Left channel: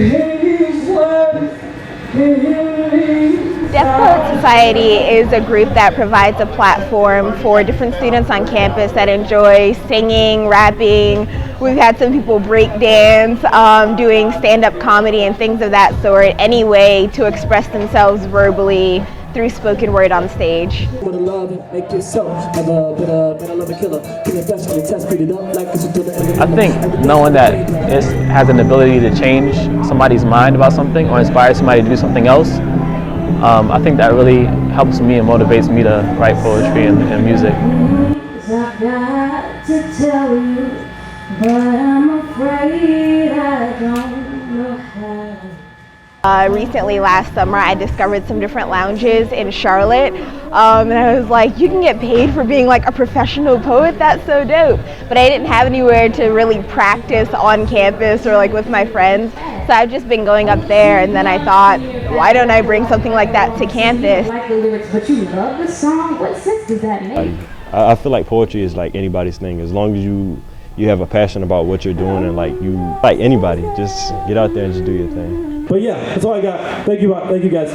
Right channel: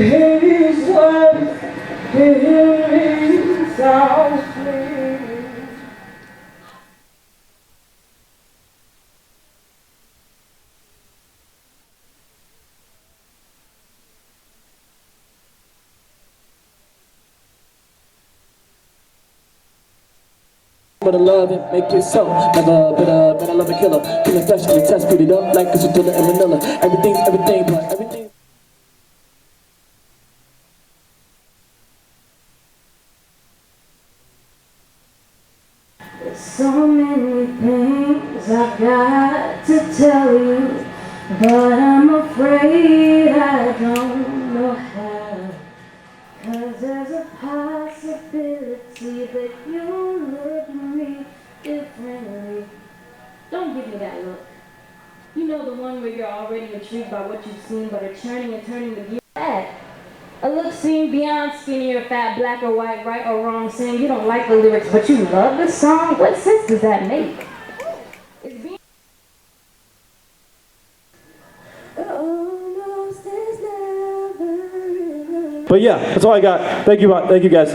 Poet Society is a group that provides a platform for different students on campus that enjoy singing, rapping. We've had some people break dance, doing stand-up comedy and things of that sort, any way to express themselves verbally through spoken word on stage. I think knowing that it has an ability to change somebody's mind about something or inspire somebody to do something else, I think that really helps me and motivates me to write poetry and music. I've got to tell you, but I'm afraid I don't know how. Recently, last summer, I discovered some different lounges in Charlotte, and I was like, you can get paid for being like a professional poet, that's so dope. But I didn't have anywhere to really practice on campus or like with my friends, so I've just been going up there, and then I thought, why don't I bring something like that to campus? You don't like the lyrics, but you love the song. What sense does that make? I feel like poetry is like anybody's thing. As long as you have a passion about what you're doing, and like anybody, just get out there and just do your thing. But yeah, that's all I got. Thank you guys.